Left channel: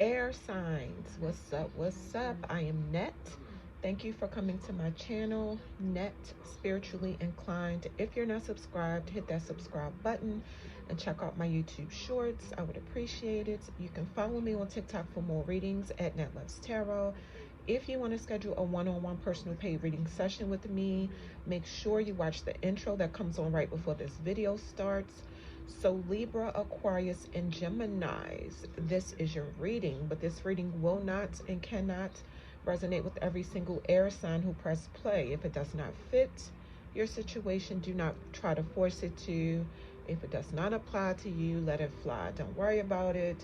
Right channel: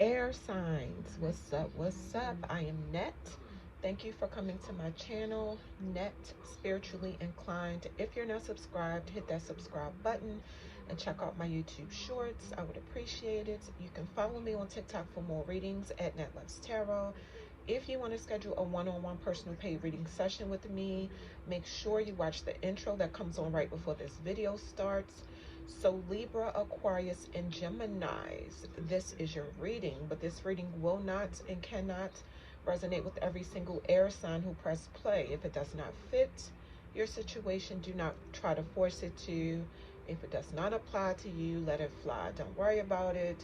Air signs, what's up, what's up? I am Net. Thank you for coming to my channel, Net Spiritually Inclined. If you're not subscribed, hit that subscribe button and check out my YouTube shorts. I would appreciate it. You can follow me on TikTok for more readings at NetteSpirituallyInclined. If you want to schedule a one-on-one personal paid reading session with me, make sure you watch the intro that comes on right before this video starts. So Libra, Aquarius, and Geminis, this is your reading, but this reading will not and cannot resonate with every single air sign who pressed play. If it does not fit your situation, do not try to force it to. If it does not apply to you, let it fly. Don't worry about it.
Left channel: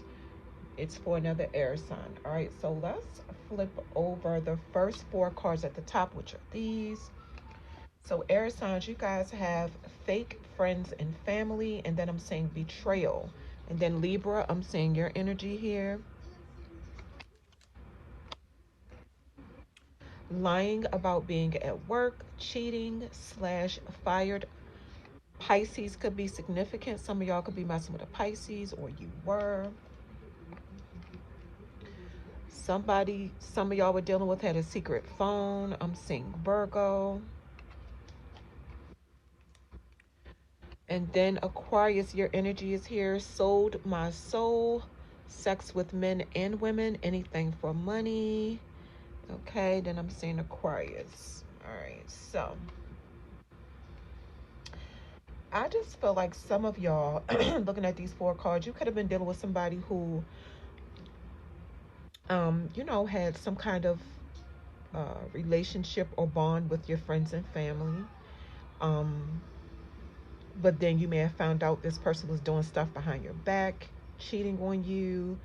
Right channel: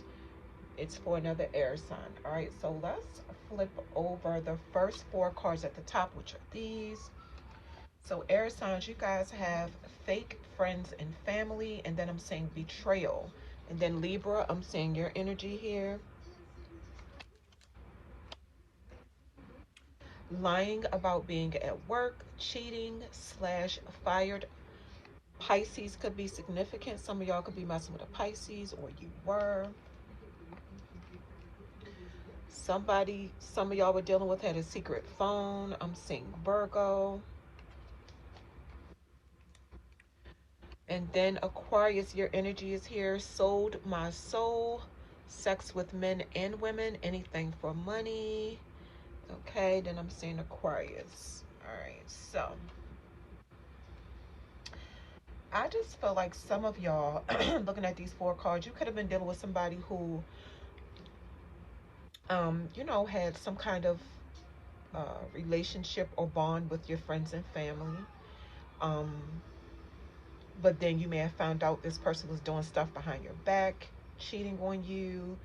It's for another air sign. All right, so let's flip over the first four cards at the top, which are these. So air signs, you guys have fake friends and family, and then I'm saying betrayal. And then Libra, I'm saying your energy here. Lying about being at work, cheating / fired. Pisces could be significant. Some of y'all could be messing with a Pisces, or you were. Some of y'all were dealing with had a secret phone. I'm seeing Virgo. And then Aquarius, your energy is here. Sold my soul. Sex with men and women. Anything for money. Okay, then I'm saying Aquarius. All right, so I just feel like some of y'all, looking at these four cards, you could have been dealing with somebody who, you know, had some kind of relationship or bond with your friends and family. But then you may have found out this person was doing stuff behind your back, cheating on you.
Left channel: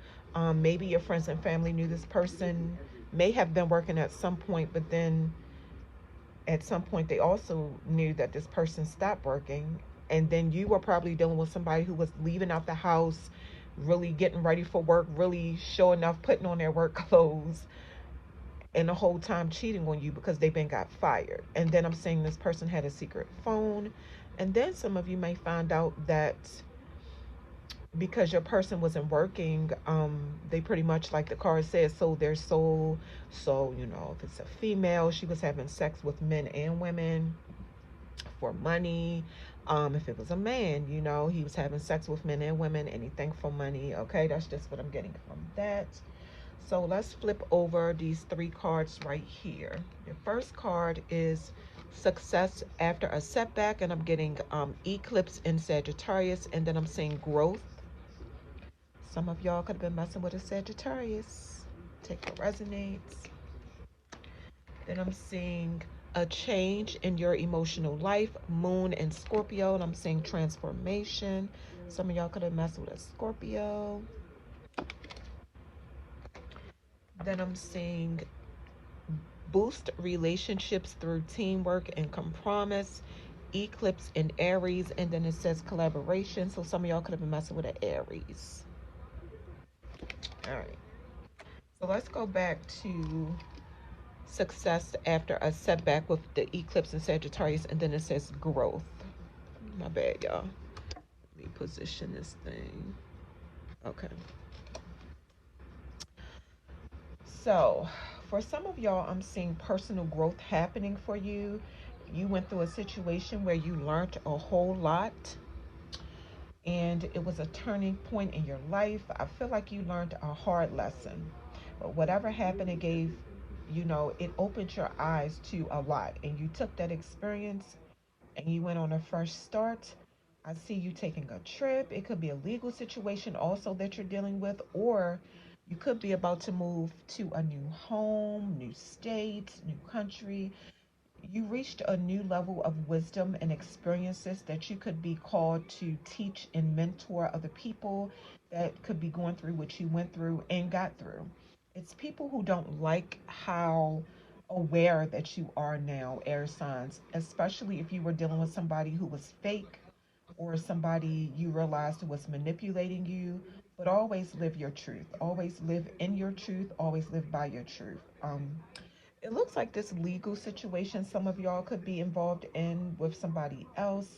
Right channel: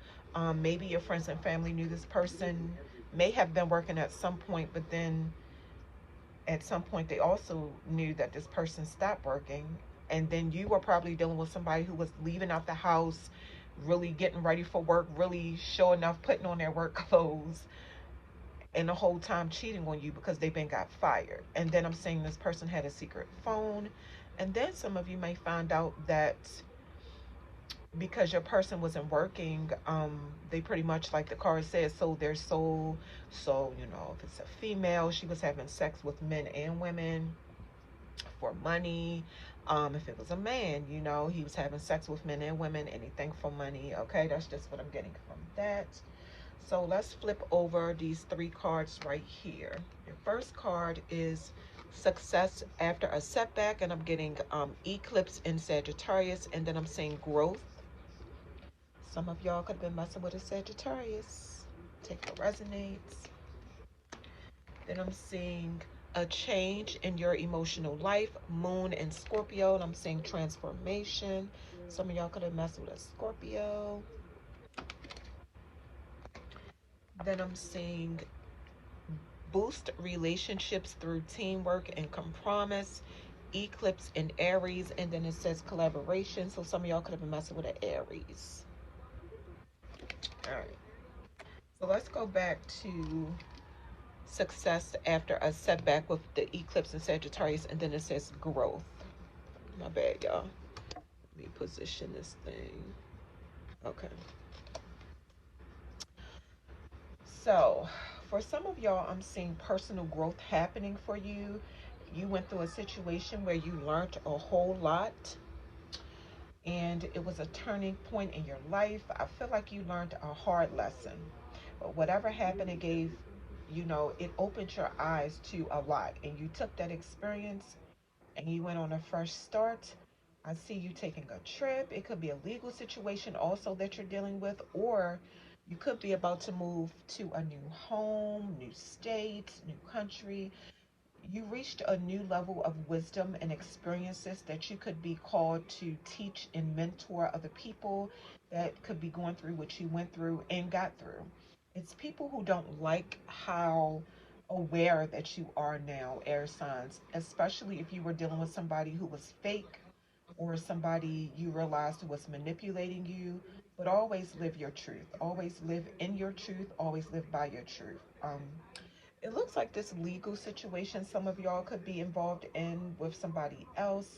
Maybe your friends and family knew this person may have been working at some point, but then at some point they also knew that this person stopped working. And then you were probably dealing with somebody who was leaving out the house, really getting ready for work, really showing up, putting on their work clothes, and the whole time cheating on you because they then got fired. And then I'm saying this person had a secret phone. And then some of you may find out that because your person wasn't working, they pretty much, like the card says, sold their soul. So, you know, if it's a female, she was having sex with men and women for money. If it was a man, you know, he was having sex with men and women, anything for money. Okay, that's just what I'm getting from that. So let's flip over these three cards right here. The first card is success after a setback, and I'm getting eclipse in Sagittarius, and then I'm saying growth. Some of y'all could have been messing with a Sagittarius. Take what resonates. Then I'm seeing a change in your emotional life, Moon and Scorpio, and I'm saying transformation. Some of y'all could have messed with a Scorpio. Then I'm seeing boost relationships through teamwork and compromise, eclipse in Aries, and then it says collaboration. So some of y'all could have been messing with an Aries. All right. So let's go back to success after a setback with the eclipse in Sagittarius, and then it says growth. My bad, y'all. Let me position this thing. Okay. So for some of y'all, I'm seeing personal growth happening for you. You went through a situation where you learned a whole lot. and it was a turning point in your life. I feel like you learned a hard lesson. But whatever happened, it gave, it opened your eyes to a lot. And you took that experience and you went on a fresh start. I see you taking a trip. It could be a legal situation also that you're dealing with, or you could be about to move to a new home, new state, new country. You reached a new level of wisdom and experiences that you could be called to teach and mentor other people that could be going through what you went through and got through. It's people who don't like how aware that you are now, air signs, especially if you were dealing with somebody who was fake or somebody you realized was manipulating you. But always live your truth. Always live in your truth. Always live by your truth. It looks like this legal situation some of y'all could be involved in with somebody else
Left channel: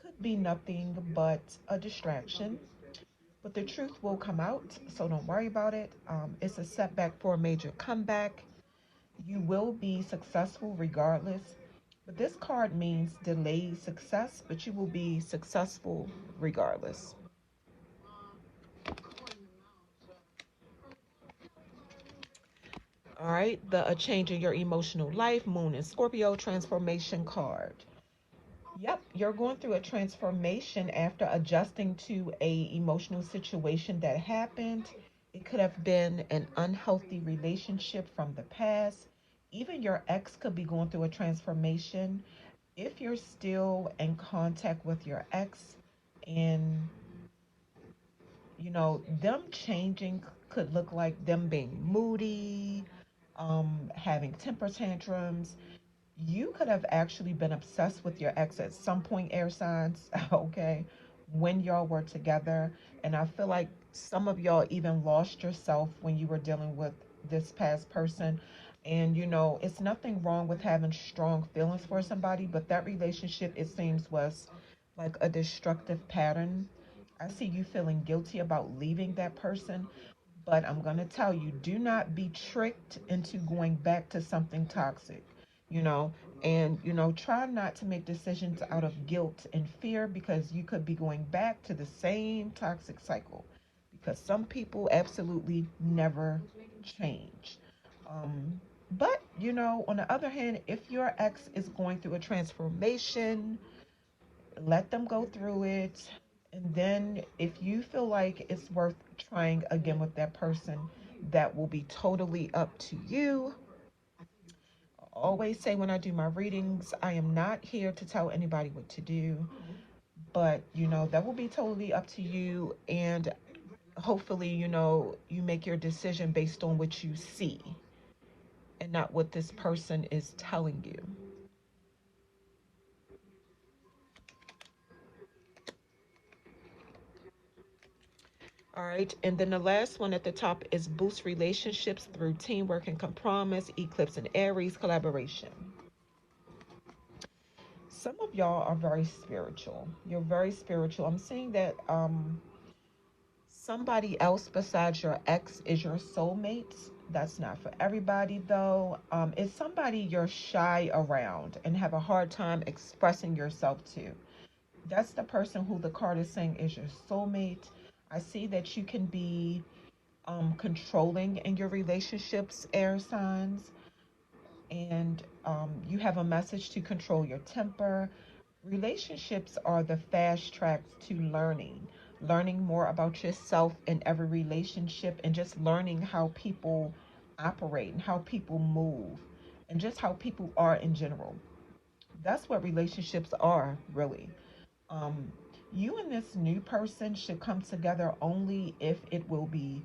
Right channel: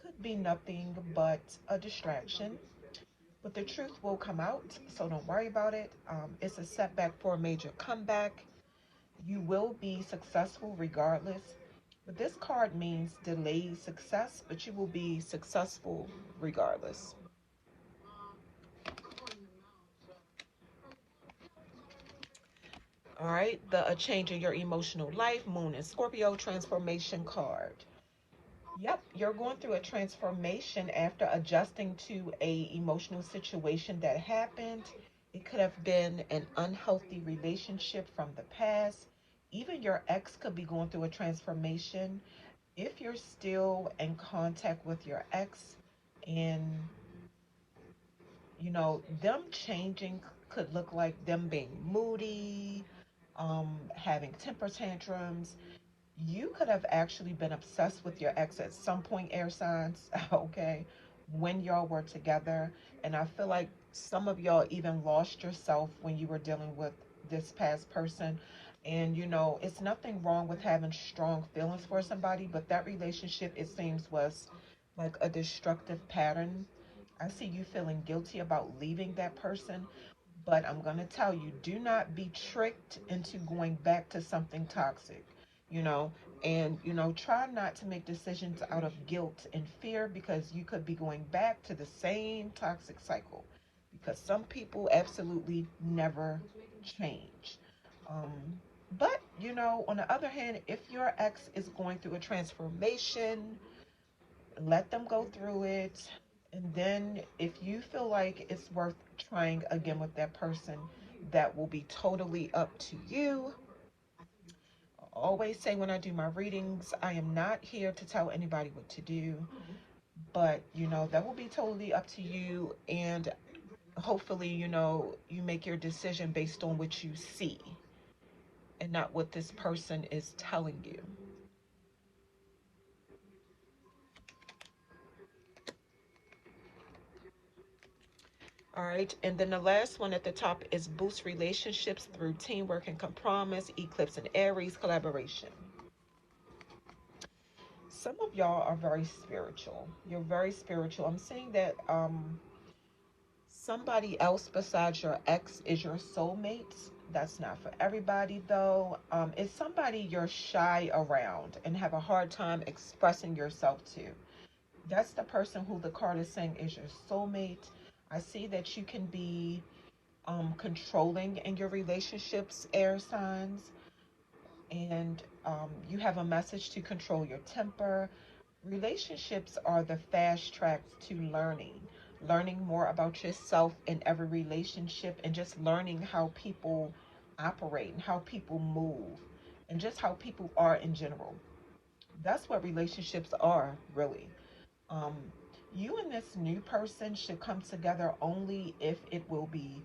could be nothing but a distraction. But the truth will come out, so don't worry about it. It's a setback for a major comeback. You will be successful regardless. But this card means delayed success, but you will be successful regardless. All right, a change in your emotional life, Moon and Scorpio transformation card. Yep, you're going through a transformation after adjusting to a emotional situation that happened. It could have been an unhealthy relationship from the past. Even your ex could be going through a transformation. If you're still in contact with your ex and them changing could look like them being moody, having temper tantrums. You could have actually been obsessed with your ex at some point, air signs, okay, when y'all were together. And I feel like some of y'all even lost yourself when you were dealing with this past person. And, it's nothing wrong with having strong feelings for somebody, but that relationship, it seems, was like a destructive pattern. I see you feeling guilty about leaving that person, but I'm going to tell you, do not be tricked into going back to something toxic, you know, and, try not to make decisions out of guilt and fear because you could be going back to the same toxic cycle because some people absolutely never change. But, on the other hand, if your ex is going through a transformation, let them go through it. And then if you feel like it's worth trying again with that person, that will be totally up to you. I always say when I do my readings, I am not here to tell anybody what to do. But, that will be totally up to you. And hopefully, you make your decision based on what you see and not what this person is telling you. All right, and then the last one at the top is boost relationships through teamwork and compromise, eclipse and Aries collaboration. Some of y'all are very spiritual. You're very spiritual. I'm saying that somebody else besides your ex is your soulmate. That's not for everybody though. It's somebody you're shy around and have a hard time expressing yourself to. That's the person who the card is saying is your soulmate. I see that you can be controlling in your relationships, air signs, and you have a message to control your temper. Relationships are the fast tracks to learning more about yourself in every relationship, and just learning how people operate and how people move and just how people are in general. That's what relationships are, really. Um, you and this new person should come together only if it will be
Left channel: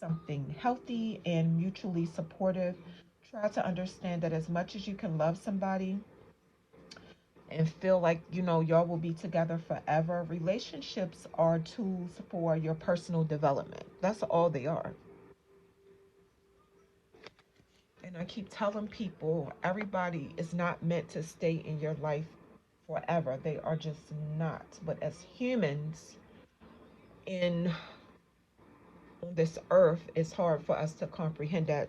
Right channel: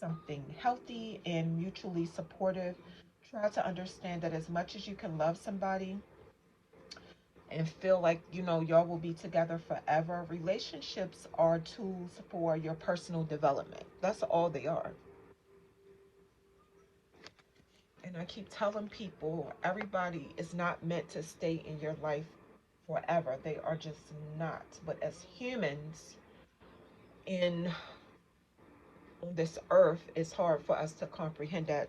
something healthy and mutually supportive. Try to understand that as much as you can love somebody and feel like, y'all will be together forever, relationships are tools for your personal development. That's all they are. And I keep telling people, everybody is not meant to stay in your life forever. They are just not. But as humans in on this earth, it's hard for us to comprehend that.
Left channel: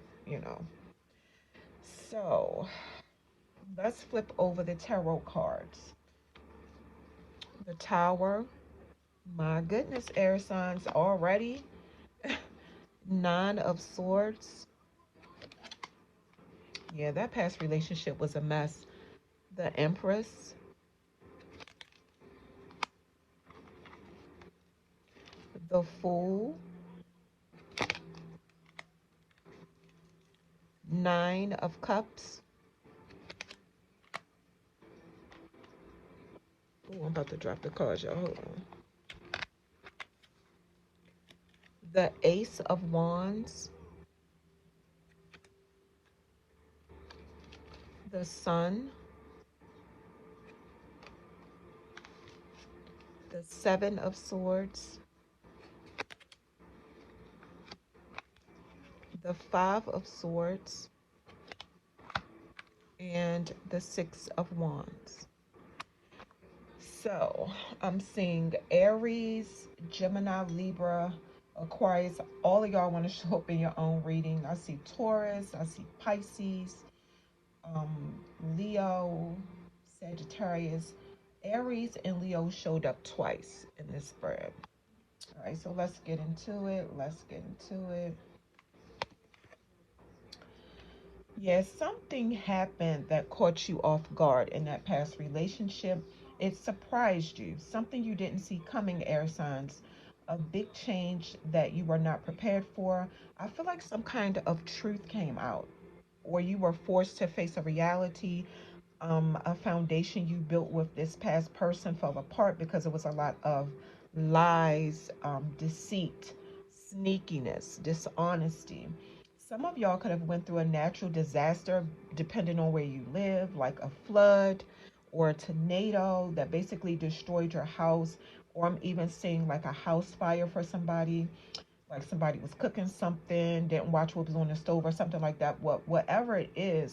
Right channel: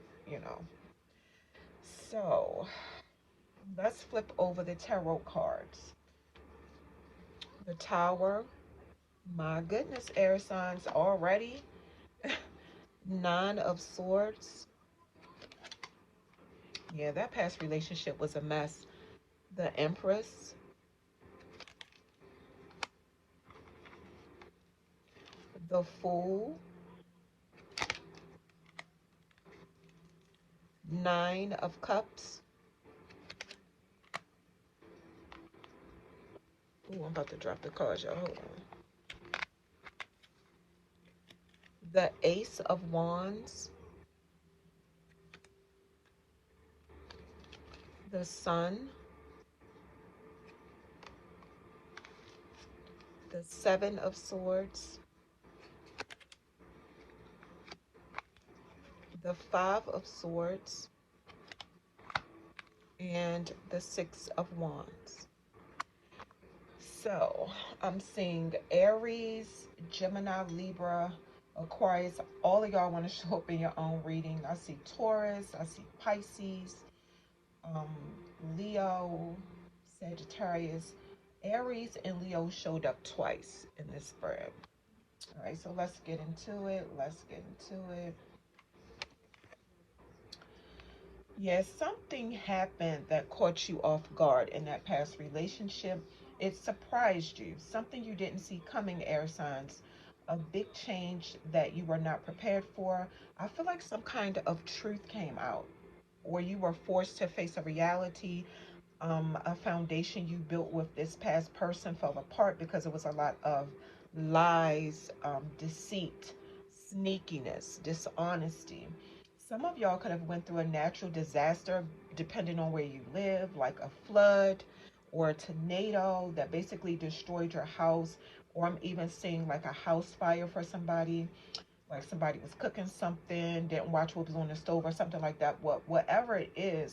So let's flip over the tarot cards. The Tower, My goodness, air signs already. Nine of Swords. Yeah, that past relationship was a mess. The Empress. The Fool. Nine of Cups. Ooh, I'm about to drop the cards, y'all. Hold on. The Ace of Wands. The Sun. The Seven of Swords. The Five of Swords. And the Six of Wands. So, I'm seeing Aries, Gemini, Libra, Aquarius. All of y'all want to show up in your own reading. I see Taurus, I see Pisces, Leo, Sagittarius. Aries and Leo showed up twice in this spread. All right, so let's get into it. Yeah, something happened that caught you off guard in that past relationship. It surprised you. Something you didn't see coming, air signs. A big change that you were not prepared for. I feel like some kind of truth came out, or you were forced to face a reality. A foundation you built with this past person fell apart because it was a lot of lies, deceit, sneakiness, dishonesty. Some of y'all could have went through a natural disaster depending on where you live, like a flood or a tornado that basically destroyed your house. Or I'm even seeing like a house fire for somebody, like somebody was cooking something, didn't watch what was on the stove or something like that. Whatever it is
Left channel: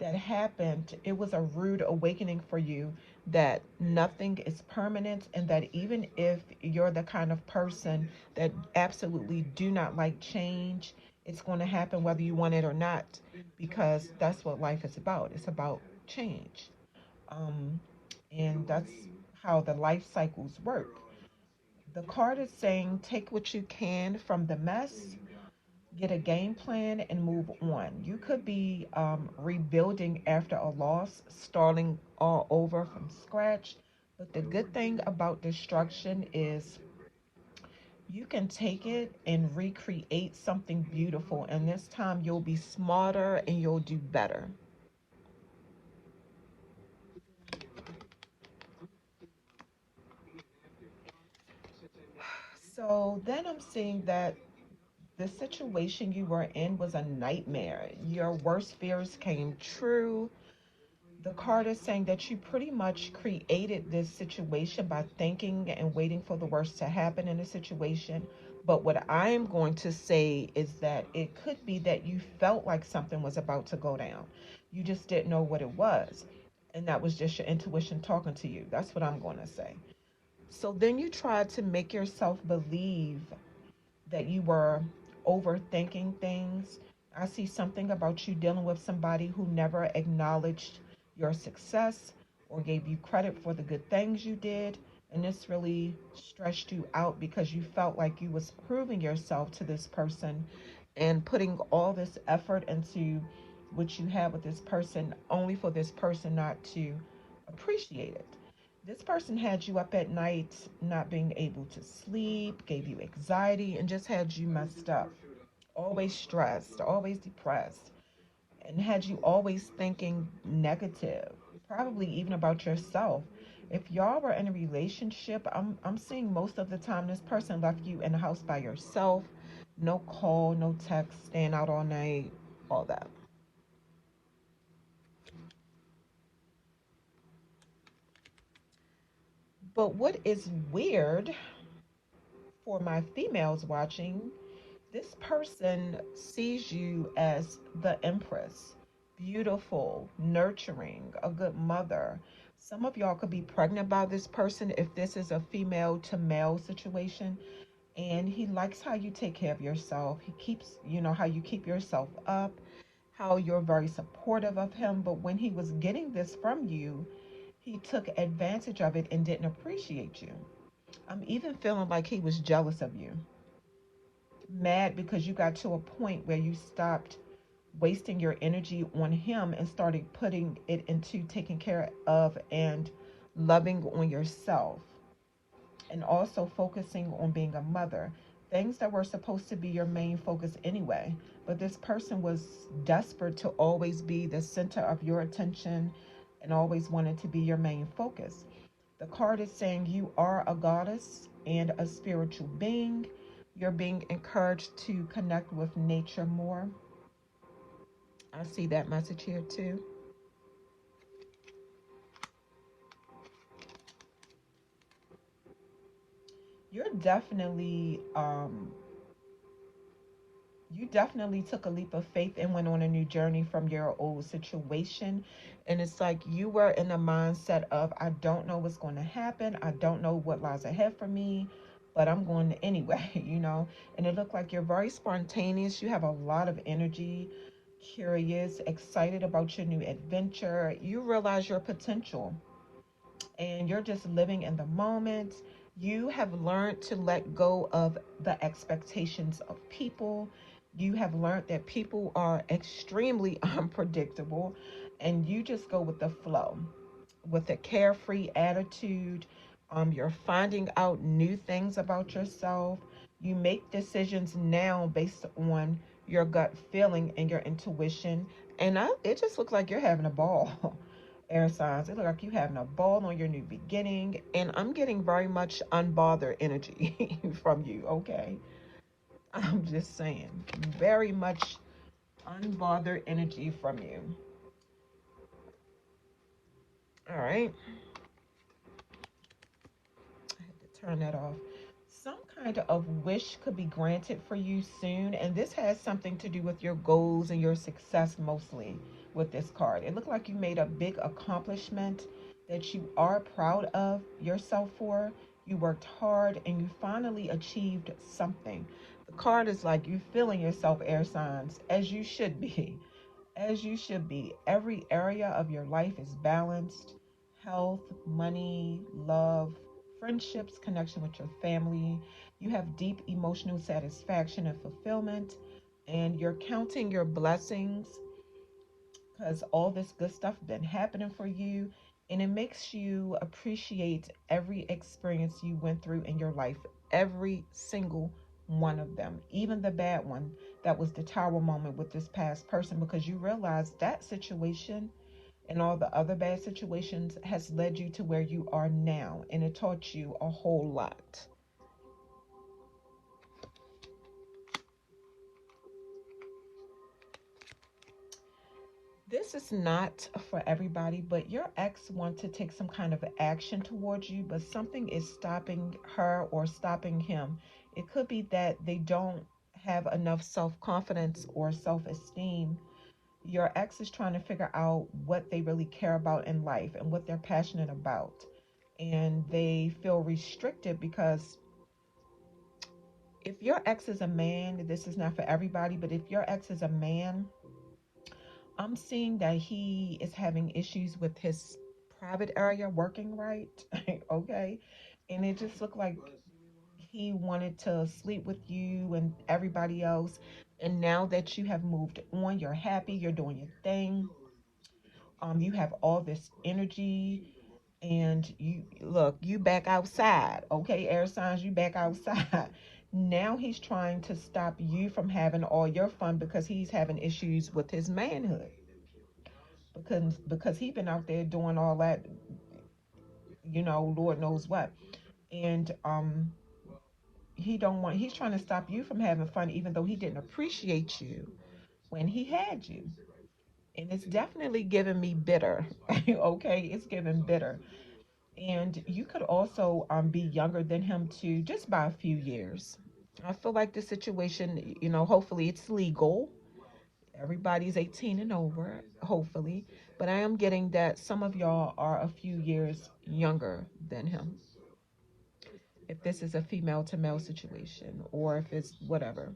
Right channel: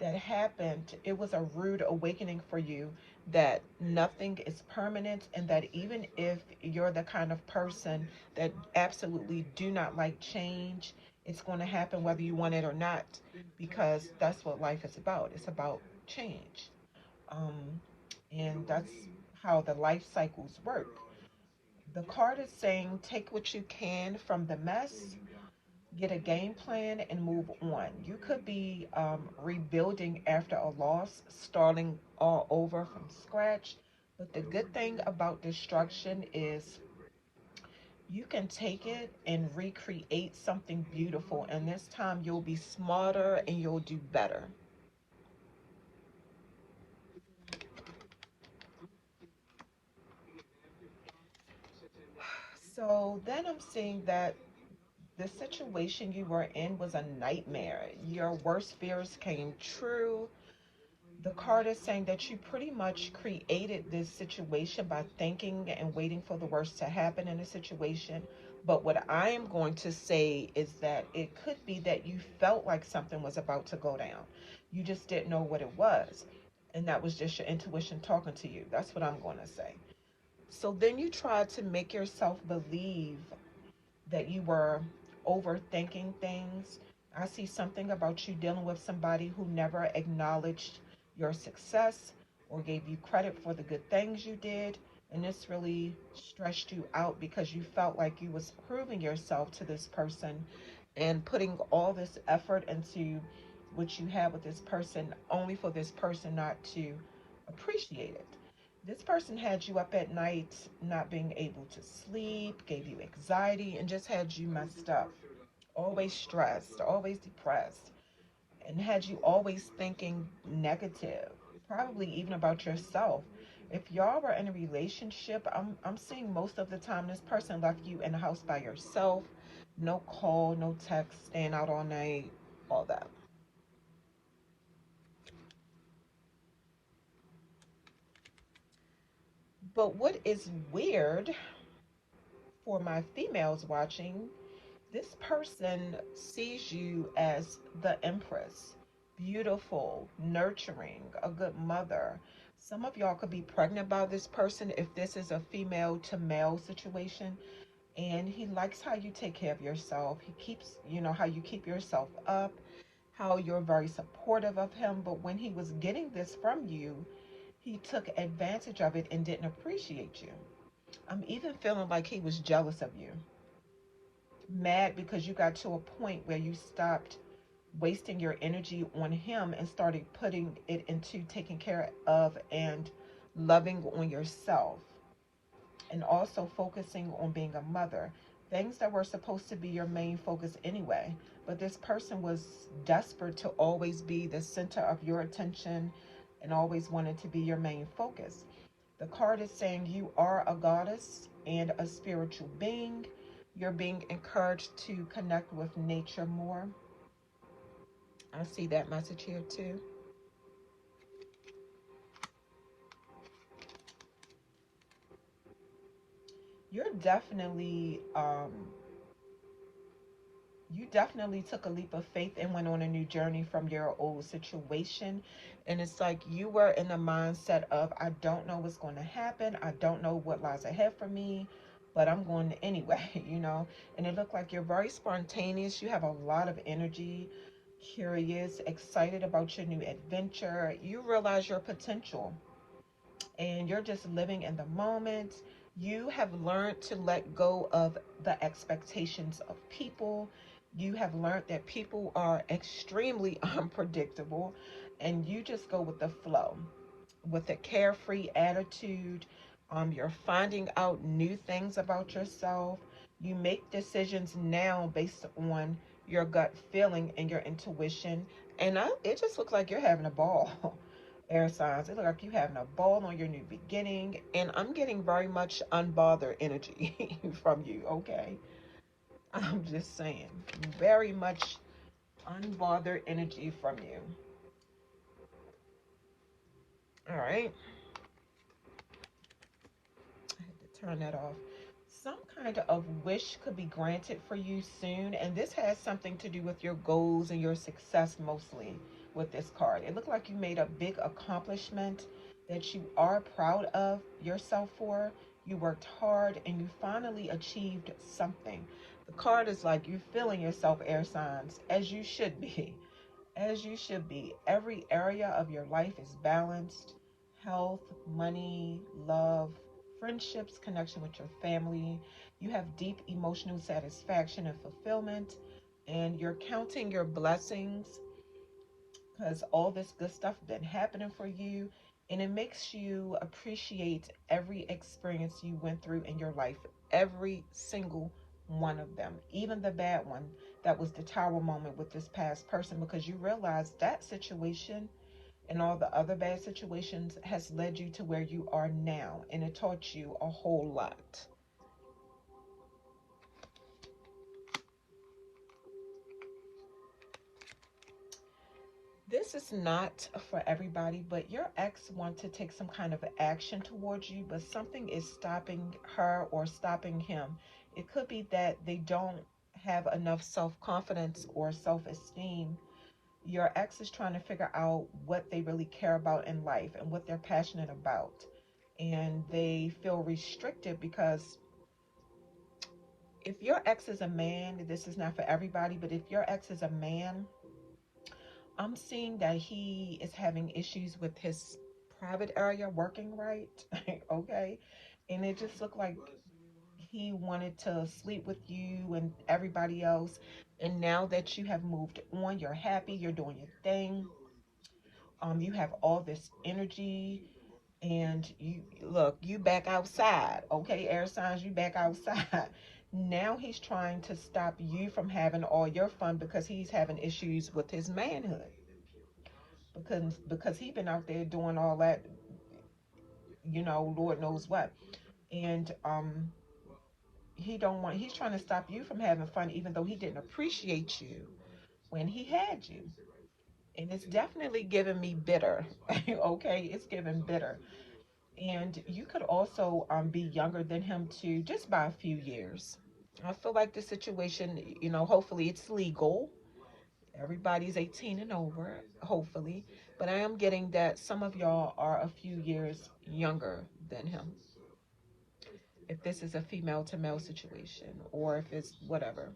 that happened, it was a rude awakening for you that nothing is permanent, and that even if you're the kind of person that absolutely do not like change, it's going to happen whether you want it or not, because that's what life is about. It's about change. And that's how the life cycles work. The card is saying take what you can from the mess, get a game plan, and move on. You could be rebuilding after a loss, starting all over from scratch. But the good thing about destruction is you can take it and recreate something beautiful. And this time you'll be smarter and you'll do better. So then I'm seeing that the situation you were in was a nightmare. Your worst fears came true. The card is saying that you pretty much created this situation by thinking and waiting for the worst to happen in a situation. But what I am going to say is that it could be that you felt like something was about to go down. You just didn't know what it was. And that was just your intuition talking to you. That's what I'm going to say. So then you tried to make yourself believe that you were overthinking things. I see something about you dealing with somebody who never acknowledged your success or gave you credit for the good things you did. And this really stressed you out because you felt like you was proving yourself to this person and putting all this effort into what you had with this person, only for this person not to appreciate it. This person had you up at night, not being able to sleep, gave you anxiety, and just had you messed up. Always stressed, always depressed, and had you always thinking negative, probably even about yourself. If y'all were in a relationship, I'm seeing most of the time this person left you in the house by yourself. No call, no text, staying out all night, all that. But what is weird for my females watching, this person sees you as the Empress, beautiful, nurturing, a good mother. Some of y'all could be pregnant by this person if this is a female to male situation. And he likes how you take care of yourself. He keeps, how you keep yourself up, how you're very supportive of him. But when he was getting this from you, he took advantage of it and didn't appreciate you. I'm even feeling like he was jealous of you. Mad because you got to a point where you stopped wasting your energy on him and started putting it into taking care of and loving on yourself, and also focusing on being a mother. Things that were supposed to be your main focus anyway. But this person was desperate to always be the center of your attention and always wanted to be your main focus. The card is saying you are a goddess and a spiritual being. You're being encouraged to connect with nature more. I see that message here too. You're definitely, you definitely took a leap of faith and went on a new journey from your old situation. And it's like you were in a mindset of, I don't know what's going to happen. I don't know what lies ahead for me, but I'm going anyway, you know. And it looked like you're very spontaneous. You have a lot of energy, curious, excited about your new adventure. You realize your potential and you're just living in the moment. You have learned to let go of the expectations of people. You have learned that people are extremely unpredictable, and you just go with the flow with a carefree attitude. You're finding out new things about yourself. You make decisions now based on your gut feeling and your intuition. And it just looks like you're having a ball. Air signs, it looks like you're having a ball on your new beginning. And I'm getting very much unbothered energy from you, okay? I'm just saying, very much unbothered energy from you. All right. I have to turn that off. Some kind of wish could be granted for you soon, and this has something to do with your goals and your success mostly with this card. It looked like you made a big accomplishment that you are proud of yourself for. You worked hard and you finally achieved something. The card is like you feeling yourself, air signs, as you should be. As you should be. Every area of your life is balanced. Health, money, love, friendships, connection with your family. You have deep emotional satisfaction and fulfillment. And you're counting your blessings because all this good stuff been happening for you. And it makes you appreciate every experience you went through in your life. Every single one of them. Even the bad one that was the tower moment with this past person, because you realize that situation and all the other bad situations has led you to where you are now, and it taught you a whole lot. This is not for everybody, but your ex wants to take some kind of action towards you, but something is stopping her or stopping him. It could be that they don't have enough self-confidence or self-esteem. Your ex is trying to figure out what they really care about in life and what they're passionate about. And they feel restricted because if your ex is a man, this is not for everybody, but if your ex is a man, I'm seeing that he is having issues with his private area working right. Okay. And it just looked like he wanted to sleep with you and everybody else. And now that you have moved on, you're happy, you're doing your thing. You have all this energy, and you look, you back outside. Okay, air signs, you back outside. Now he's trying to stop you from having all your fun because he's having issues with his manhood. Because he's been out there doing all that, you know, Lord knows what. And he's trying to stop you from having fun even though he didn't appreciate you when he had you. And it's definitely giving me bitter. Okay, it's giving bitter. And you could also be younger than him too, just by a few years. I feel like the situation, you know, hopefully it's legal. Everybody's 18 and over, hopefully. But I am getting that some of y'all are a few years younger than him. If this is a female to male situation or if it's whatever.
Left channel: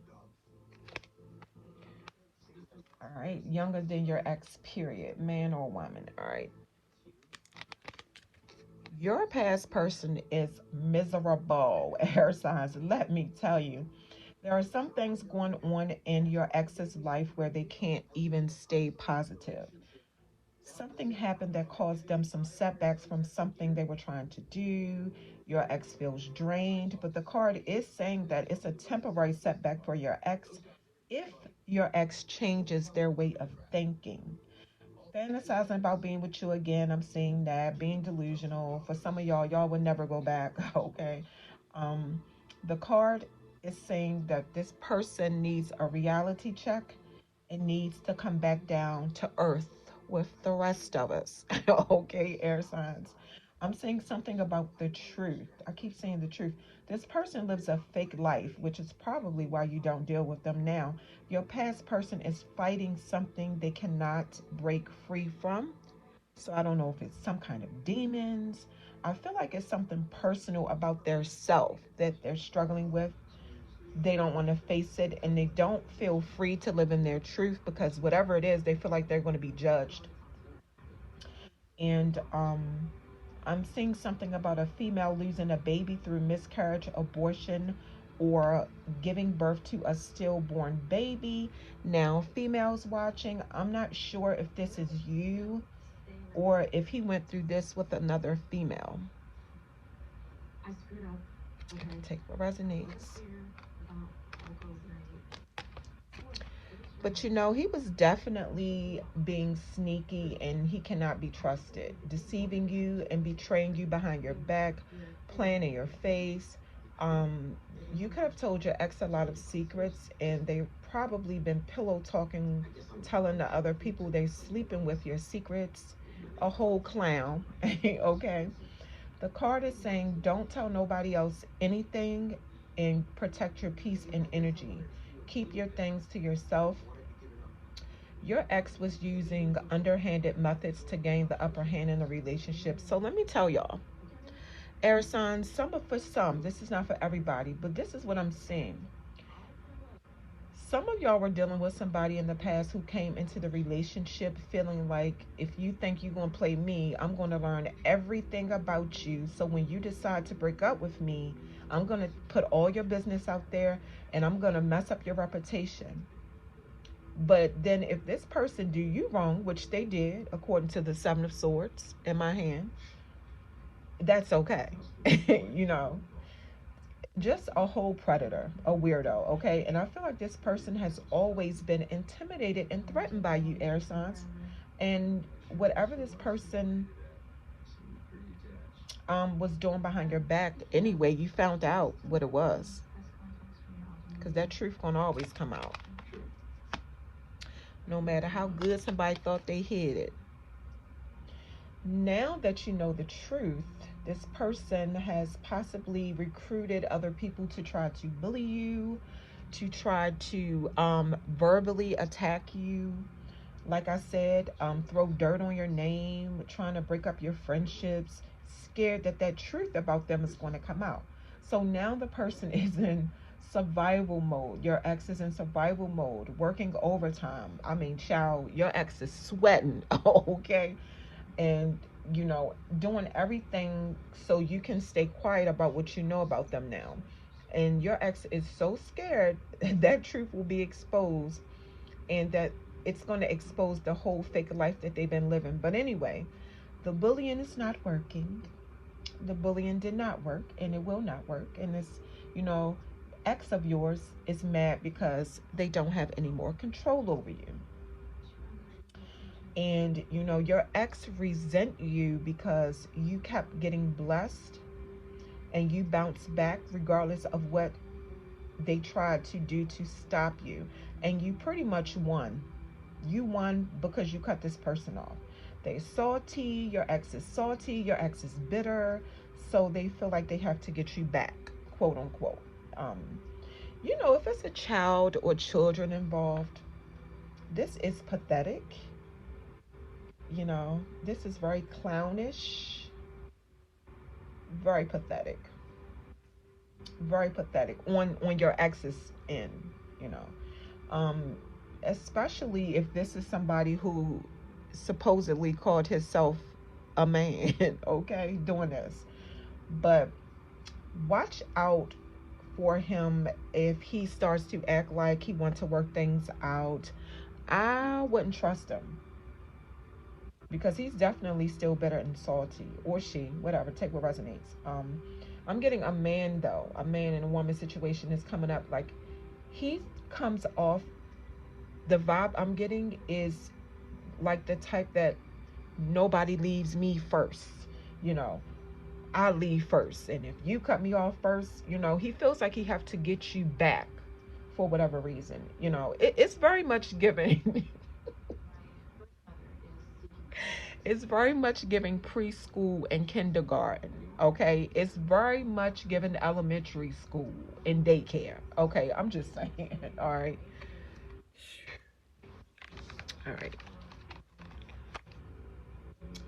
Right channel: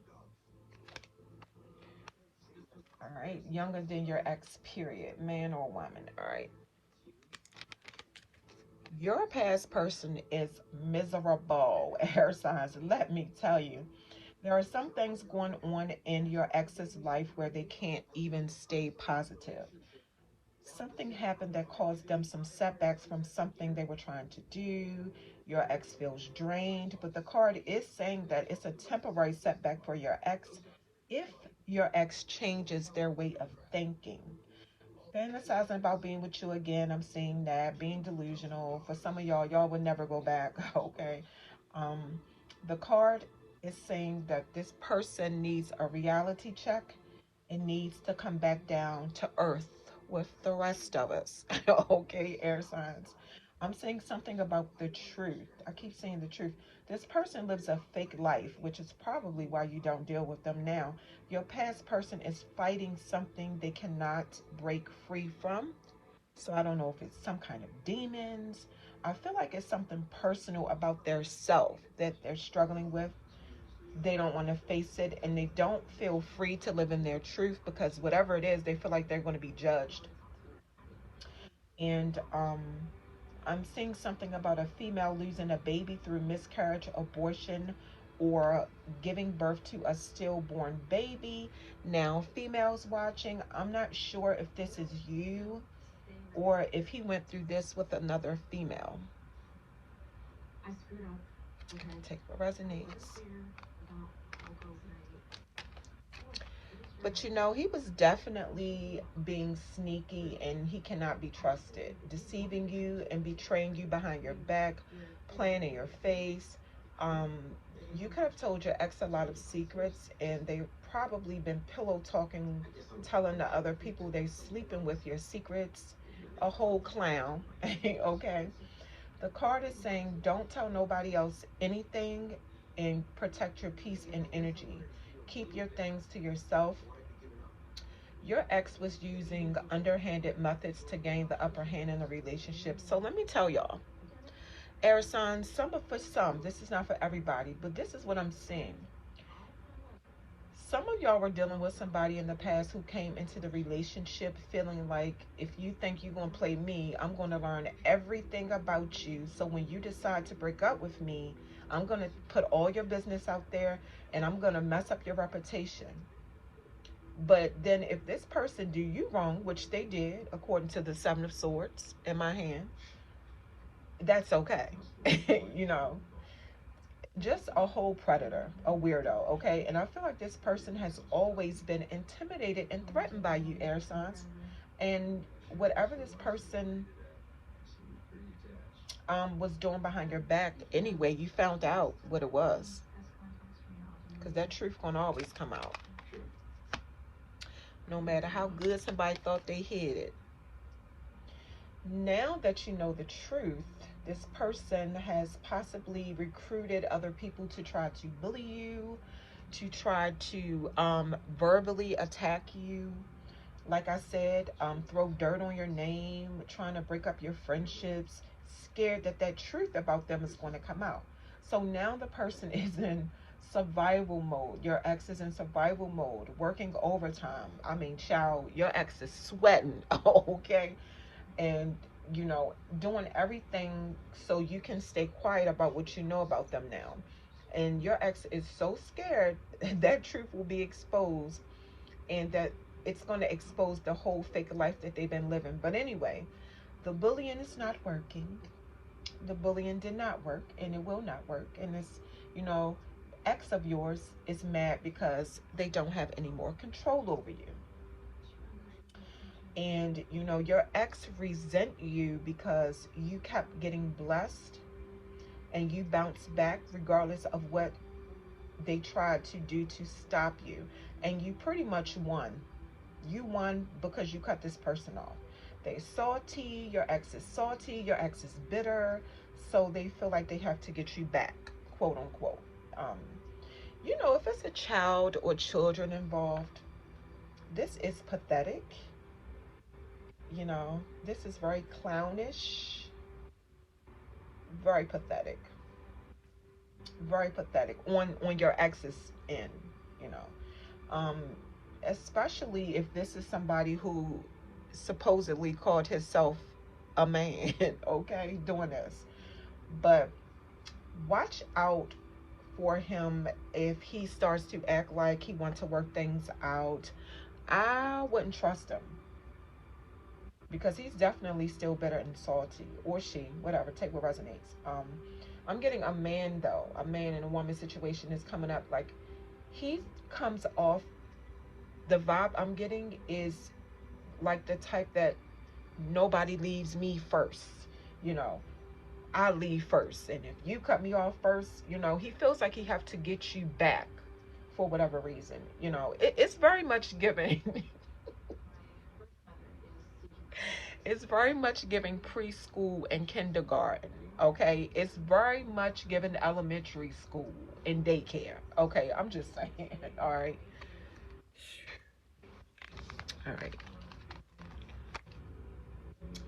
All right, younger than your ex, period, man or woman. All right. Your past person is miserable, air signs. Let me tell you. There are some things going on in your ex's life where they can't even stay positive. Something happened that caused them some setbacks from something they were trying to do. Your ex feels drained, but the card is saying that it's a temporary setback for your ex if your ex changes their way of thinking. Fantasizing about being with you again, I'm seeing that. Being delusional. For some of y'all, y'all would never go back, okay? Um, the card is saying that this person needs a reality check. It needs to come back down to earth with the rest of us. Okay, air signs. I'm saying something about the truth. I keep saying the truth. This person lives a fake life, which is probably why you don't deal with them now. Your past person is fighting something they cannot break free from. So I don't know if it's some kind of demons. I feel like it's something personal about their self that they're struggling with. They don't want to face it, and they don't feel free to live in their truth because whatever it is, they feel like they're going to be judged. And I'm seeing something about a female losing a baby through miscarriage, abortion, or giving birth to a stillborn baby. Now, females watching, I'm not sure if this is you or if he went through this with another female. Take what resonates. But you know, he was definitely being sneaky and he cannot be trusted. Deceiving you and betraying you behind your back, playing in your face. You could have told your ex a lot of secrets and they've probably been pillow talking, telling the other people they sleeping with your secrets. A whole clown, okay? The card is saying don't tell nobody else anything and protect your peace and energy. Keep your things to yourself. Your ex was using underhanded methods to gain the upper hand in a relationship. So let me tell y'all, air signs, for some, this is not for everybody, but this is what I'm seeing. Some of y'all were dealing with somebody in the past who came into the relationship feeling like, if you think you're going to play me, I'm going to learn everything about you. So when you decide to break up with me, I'm going to put all your business out there and I'm going to mess up your reputation. But then if this person do you wrong, which they did, according to the Seven of Swords in my hand, that's okay. You know, just a whole predator, a weirdo, okay? And I feel like this person has always been intimidated and threatened by you, air signs. And whatever this person was doing behind your back, anyway, you found out what it was. Because that truth won't always come out. No matter how good somebody thought they hid it. Now that you know the truth, this person has possibly recruited other people to try to bully you, to try to verbally attack you. Like I said, throw dirt on your name, trying to break up your friendships, scared that that truth about them is going to come out. So now the person is in survival mode. Your ex is in survival mode, working overtime. I mean, child, your ex is sweating, okay? And, you know, doing everything so you can stay quiet about what you know about them now. And your ex is so scared that truth will be exposed and that it's going to expose the whole fake life that they've been living. But anyway, the bullying is not working. The bullying did not work and it will not work. And this, you know, ex of yours is mad because they don't have any more control over you. And, you know, your ex resent you because you kept getting blessed and you bounced back regardless of what they tried to do to stop you. And you pretty much won. You won because you cut this person off. They're salty, your ex is salty, your ex is bitter, so they feel like they have to get you back, quote unquote. You know, if it's a child or children involved, this is pathetic. You know, this is very clownish, very pathetic on your ex's end, you know. Especially if this is somebody who supposedly called himself a man, okay, doing this. But watch out for him if he starts to act like he wants to work things out. I wouldn't trust him because he's definitely still bitter and salty, or she, whatever, take what resonates. I'm getting a man though, a man and a woman situation is coming up. Like he comes off, the vibe I'm getting is like the type that nobody leaves me first, you know. I leave first, and if you cut me off first, you know, he feels like he have to get you back for whatever reason, you know. It's very much giving it's very much giving preschool and kindergarten, okay? It's very much giving elementary school and daycare, okay? I'm just saying. All right, all right,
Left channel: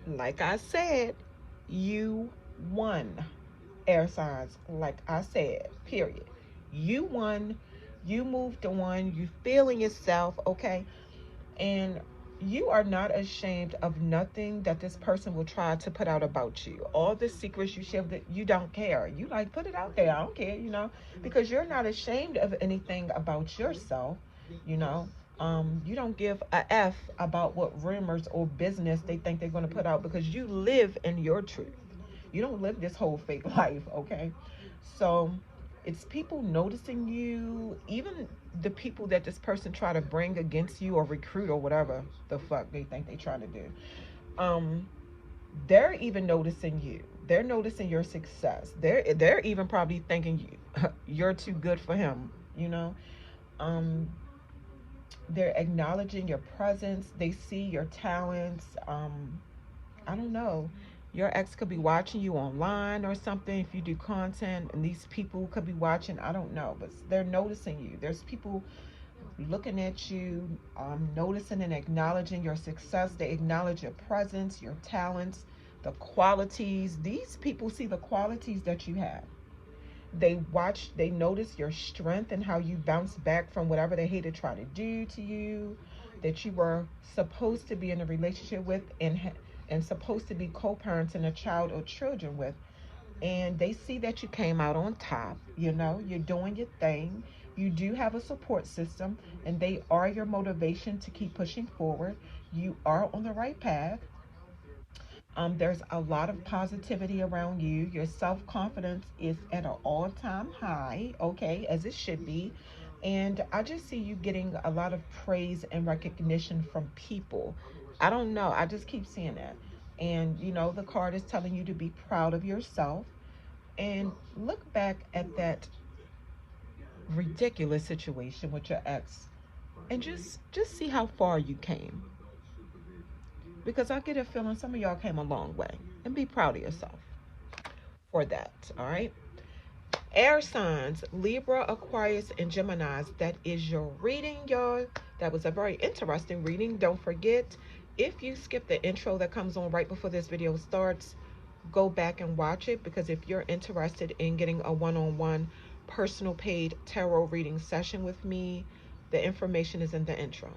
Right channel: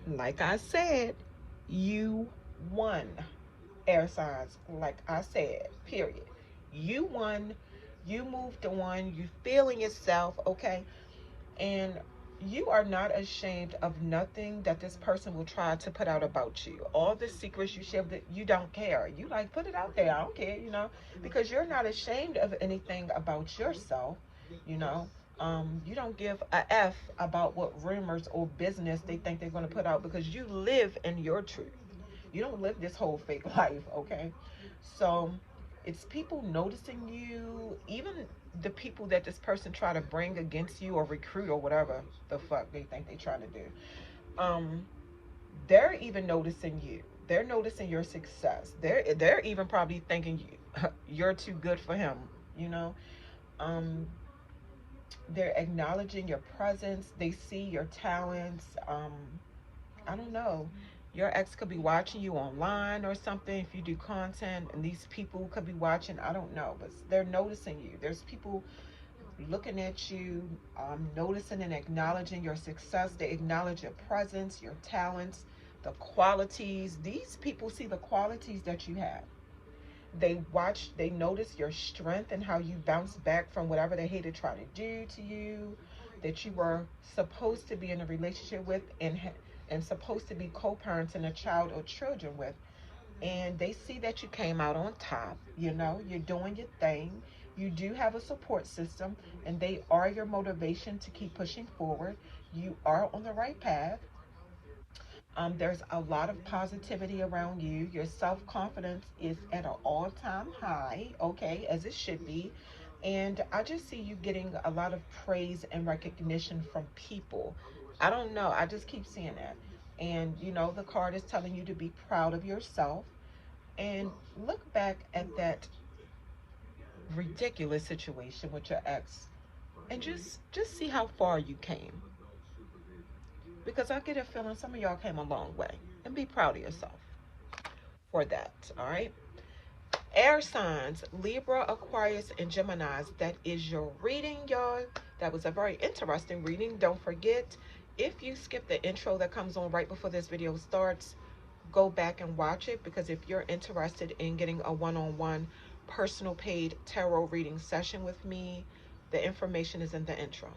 like I said, you won, air signs. Like I said, period. You won. You moved on. You feeling yourself, okay? And you are not ashamed of nothing that this person will try to put out about you. All the secrets you share, that you don't care. You like, put it out there. I don't care, you know, because you're not ashamed of anything about yourself, you know. You don't give a F about what rumors or business they think they're going to put out, because you live in your truth. You don't live this whole fake life, okay? So it's people noticing you, even the people that this person try to bring against you or recruit or whatever the fuck they think they're trying to do. They're even noticing you. They're noticing your success. They're even probably thinking you're too good for him, you know. They're acknowledging your presence. They see your talents. I don't know. Your ex could be watching you online or something if you do content, and these people could be watching. I don't know, but they're noticing you. There's people looking at you, noticing and acknowledging your success. They acknowledge your presence, your talents, the qualities. These people see the qualities that you have. They watch, they notice your strength and how you bounce back from whatever they hated trying to do to you, that you were supposed to be in a relationship with and supposed to be co-parenting a child or children with. And they see that you came out on top, you know, you're doing your thing. You do have a support system, and they are your motivation to keep pushing forward. You are on the right path. There's a lot of positivity around you. Your self-confidence is at an all-time high, okay, as it should be. And I just see you getting a lot of praise and recognition from people. I don't know. I just keep seeing that. And, you know, the card is telling you to be proud of yourself and look back at that ridiculous situation with your ex and just see how far you came. Because I get a feeling some of y'all came a long way, and be proud of yourself for that. All right, air signs, Libra, Aquarius, and Geminis. That is your reading, y'all. That was a very interesting reading. Don't forget, if you skip the intro that comes on right before this video starts, go back and watch it, because if you're interested in getting a one-on-one personal paid tarot reading session with me, the information is in the intro.